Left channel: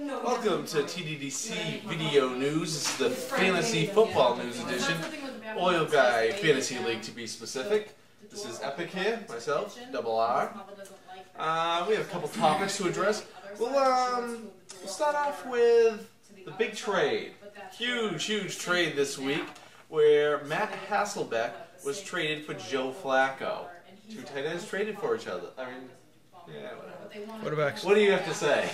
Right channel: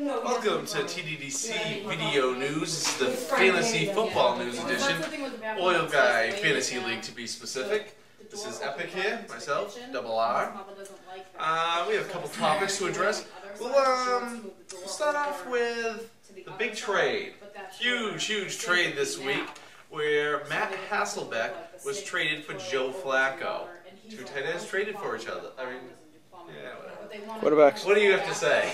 Welcome to TDDC Video News. It's the Fantasy Football News Edition. Oil Guy Fantasy League, to be specific. This is Epic here, myself, Double R. We have a couple topics to address. We'll start off with the big trade. Huge trade this week where Matt Hasselbeck was traded for Joe Flacco. Two tight ends traded for each other. I mean, yeah, whatever. Quarterbacks. What do you have to say?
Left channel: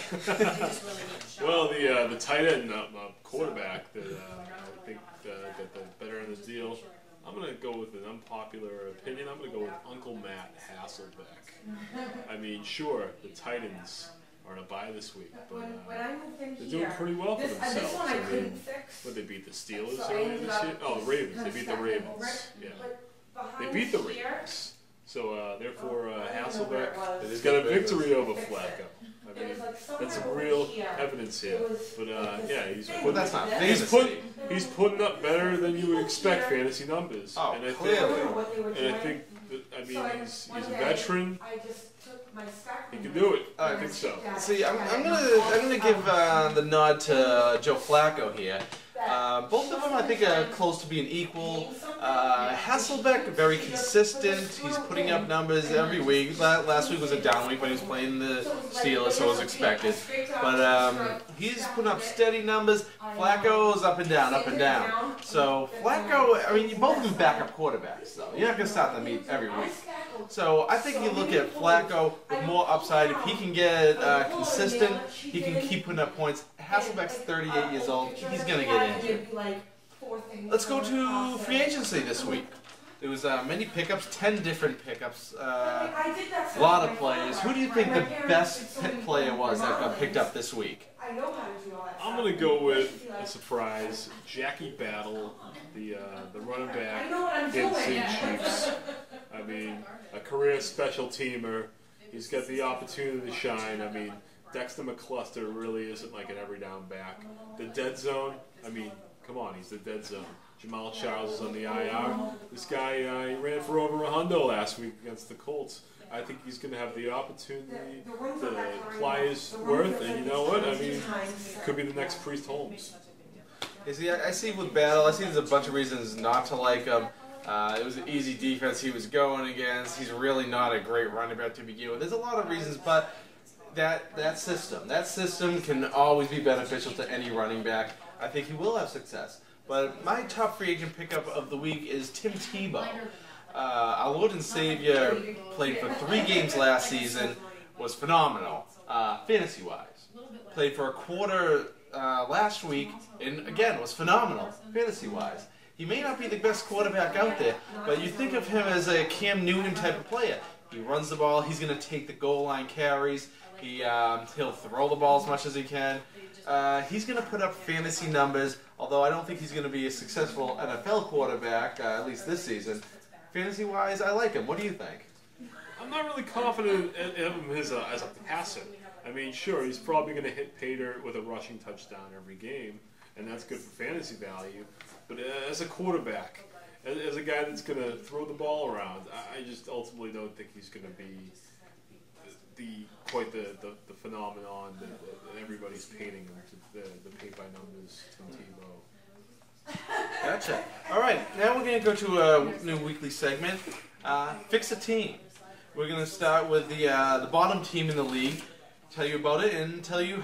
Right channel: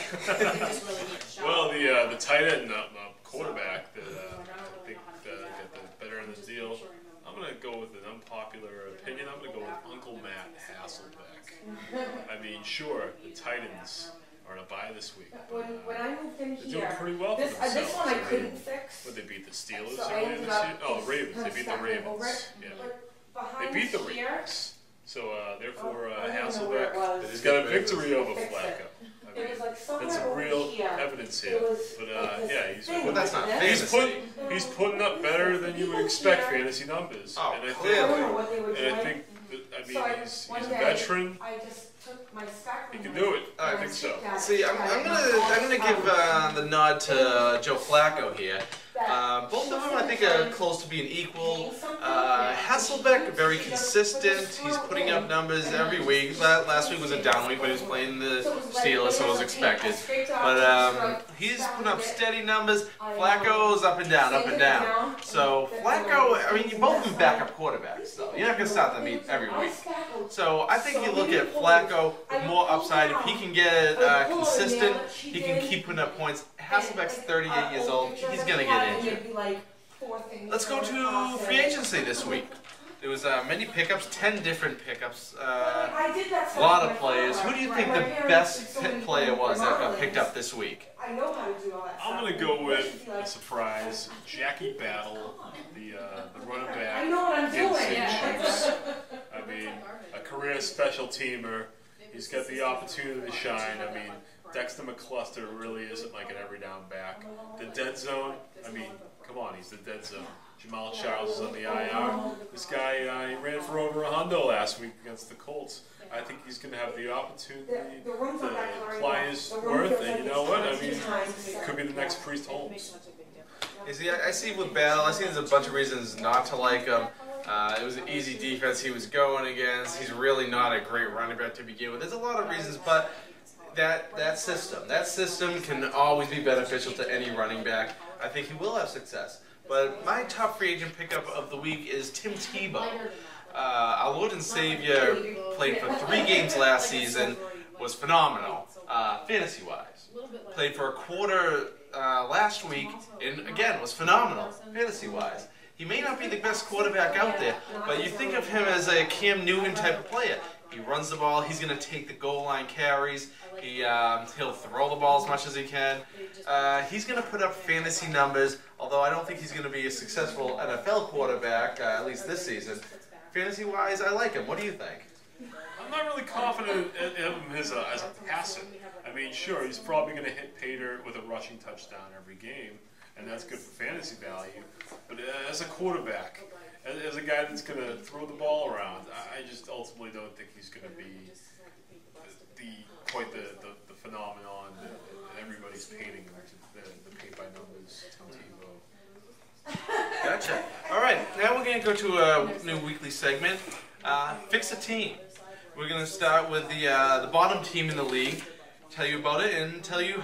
Well, the tight end quarterback that I think got the better end of the deal. I'm going to go with an unpopular opinion. I'm going to go with Uncle Matt Hasselbeck. I mean, sure, the Titans are on a bye this week, but they're doing pretty well for themselves. This one I couldn't fix. But they beat the Steelers earlier this year. Oh, the Ravens. They beat the Ravens. Yeah. They beat the Ravens. So, therefore, Hasselbeck has got a victory over Flacco. I mean, that's some real evidence here. But, yeah, well, that's not fantasy. He's putting up better than you would expect fantasy numbers. Oh, and I clearly. think he's a veteran. He can do it. I think so. See, I'm gonna give the nod to Joe Flacco here. Both of them, I think, are close to being equal. Hasselbeck, very consistent. He's putting up numbers every week. Last week was a down week when he was playing the Steelers, so it was expected. But he's putting up steady numbers. Flacco's up and down. So Flacco, I mean, you both do backup quarterbacks, though. You're not going to start them every week. So I think you look at Flacco with more upside. If he can get consistent, he can keep putting up points. Hasselbeck's 38 years old. He's going to get injured. Let's go to free agency this week. There was many pickups, 10 different pickups, a lot of players. Who do you think the best player was that got picked up this week? I'm going to go with a surprise, Jackie Battle, the running back against St. Chiefs. I mean, a career special teamer. He's got the opportunity to shine. I mean, Dexter McCluster really isn't like an every down back. The dead zone, I mean, come on, he's the dead zone. Jamal Charles is on the IR. This guy, he ran for over $100 last week against the Colts. I think he's going to have the opportunity to apply his worth, and you know what? I mean, it could be the next Priest Holmes. You see, I see with Battle, I see there's a bunch of reasons not to like him. It was an easy defense he was going against. He's really not a great running back to begin with. There's a lot of reasons, but that system can always be beneficial to any running back. I think he will have success. But my top free agent pickup of the week is Tim Tebow. Our Lord and Savior played for 3 games last season, was phenomenal, fantasy-wise. Played for a quarter last week, and again, was phenomenal, fantasy-wise. He may not be the best quarterback out there, but you think of him as a Cam Newton type of player. He runs the ball, he's going to take the goal line carries, he'll throw the ball as much as he can. He's going to put up fantasy numbers, although I don't think he's going to be a successful NFL quarterback, at least this season. Fantasy-wise, I like him. What do you think? I'm not really confident in him as a passer. I mean, sure, he's probably going to hit Pater with a rushing touchdown every game, and that's good for fantasy value. But as a quarterback, as a guy that's going to throw the ball around, I just ultimately don't think he's going to be quite the phenomenon that everybody's painting him, the paint-by-numbers Tim Tebow. Gotcha. All right, now we're going to go to a new weekly segment, Fix a Team. We're going to start with the bottom team in the league, tell you about it, and tell you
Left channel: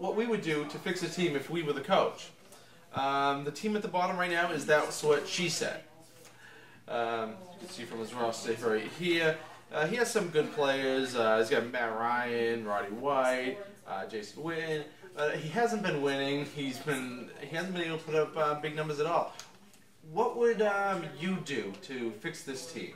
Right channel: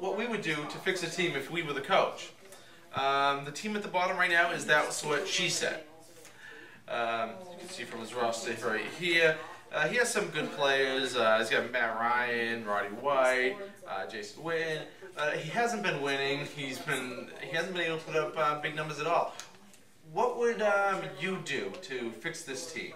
what we would do to fix a team if we were the coach. The team at the bottom right now is That's What She Said. You can see from his roster right here. He has some good players. He's got Matt Ryan, Roddy White, Jason Witten. He hasn't been winning. He hasn't been able to put up big numbers at all. What would you do to fix this team?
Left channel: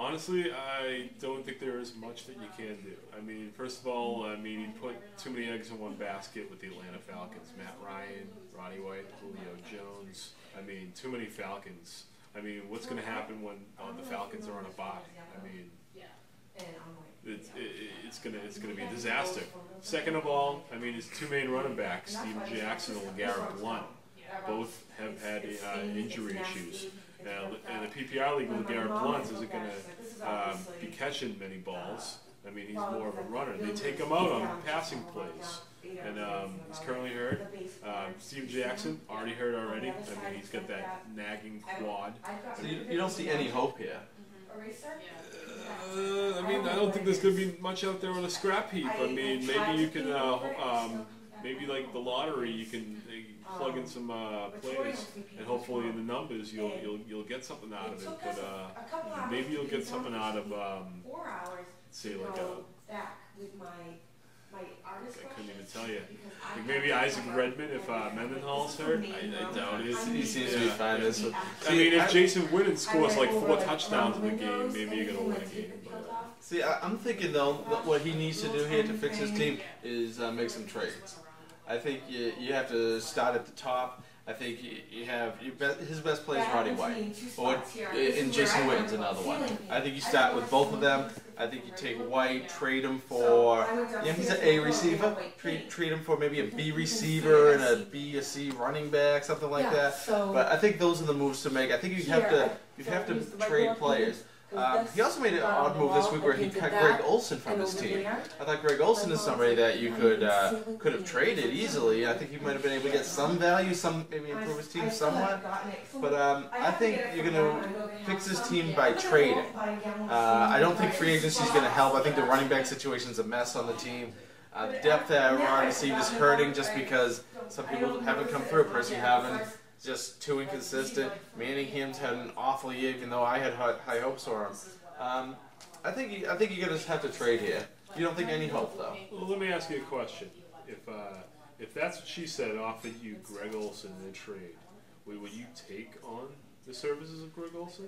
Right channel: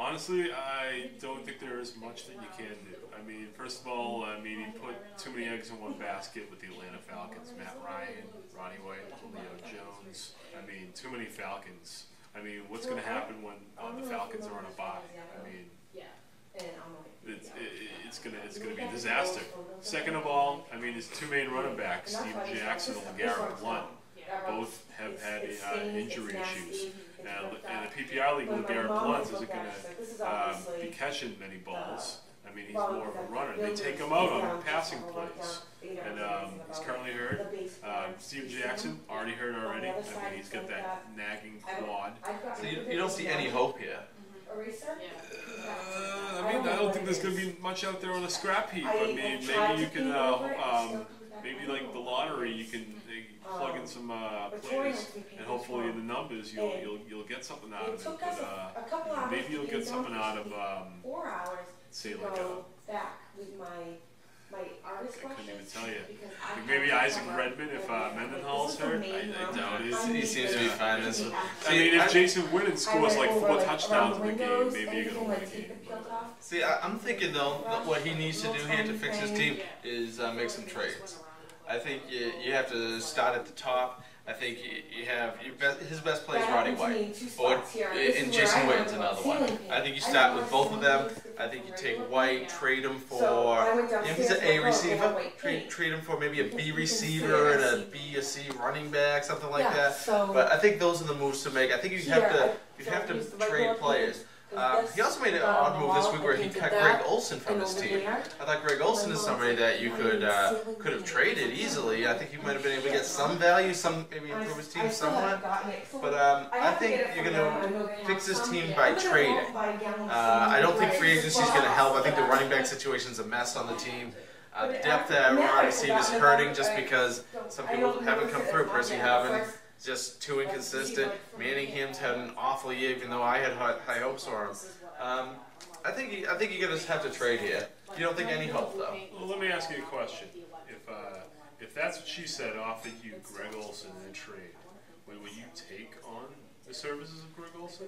Honestly, I don't think there is much that you can do. I mean, first of all, he put too many eggs in one basket with the Atlanta Falcons. Matt Ryan, Roddy White, Julio Jones. I mean, too many Falcons. I mean, what's going to happen when the Falcons are on a bye? I mean, it's going to be a disaster. Second of all, I mean, his 2 main running backs, Steven Jackson and LeGarrette Blount, both have had injury issues. Now, in the PPR league, LeGarrette Blount isn't going to be catching many balls. I mean, he's more of a runner. They take him out on passing plays. And he's currently hurt. Steve Jackson, already hurt already. I mean, he's got that nagging quad. So you don't see any hope here? I mean, I don't think there's going to be much out there on a scrap heap. I mean, maybe you can, maybe like the lottery, you can plug in some plays, and hopefully in the numbers you'll get something out of it. But maybe you'll get something out of, say like a. I couldn't even tell you. Like maybe Isaac Redmond if Mendenhall's hurt. I doubt it. He seems to be fine. I mean, if Jason Witten scores like 4 touchdowns in the game, maybe you're going to win a game. See, I'm thinking though that what he needs to do here to fix his team is make some trades. I think you have to start at the top. I think you have his best play is Roddy White, and Jason Witten's another one. I think you start with both of them. I think you take White, trade him for, he's an A receiver, trade him for maybe a B receiver and a B or C running back, something like that. But I think those are the moves to make. I think you have to trade players. He also made an odd move this week where he cut Greg Olsen from his team. I thought Greg Olsen is somebody that you could have traded easily. I think he might have been able to get some value, maybe improve his team somewhat. But I think you're going to fix this team by trading. I don't think free agency is going to help. I think the running back situation is a mess on the team. The depth at wide receiver is hurting just because some people haven't come through. Percy haven't. Just too inconsistent. Manningham's had an awful year, even though I had high hopes for him. I think you're gonna just have to trade here. You don't think any hope though? Well, let me ask you a question. If that's what she said, offered you Greg Olsen in a trade, would you take on the services of Greg Olsen?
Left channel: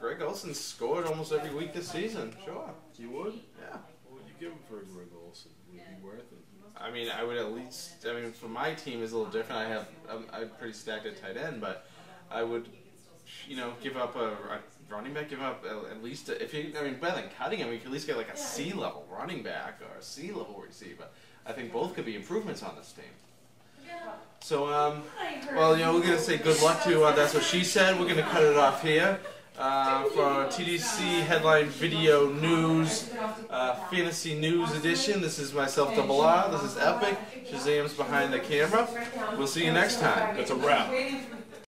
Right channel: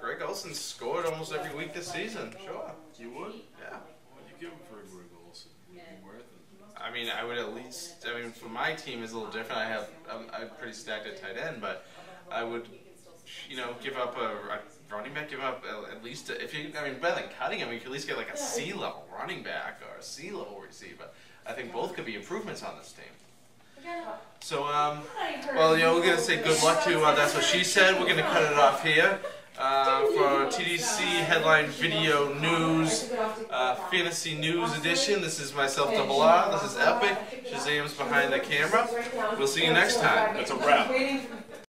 Greg Olsen scored almost every week this season. Sure. You would? Yeah. What would you give him for Greg Olsen? Would it be worth it? I mean, I would at least. I mean, for my team is a little different. I'm pretty stacked at tight end, but I would, give up a running back. Give up at least better than cutting him. You could at least get like a C level running back or a C level receiver. I think both could be improvements on this team. So, we're gonna say good luck to That's What She Said. We're gonna cut it off here. For TDC Headline Video News, Fantasy News Edition. This is myself, Double R. This is Epic. Shazam's behind the camera. We'll see you next time. That's a wrap.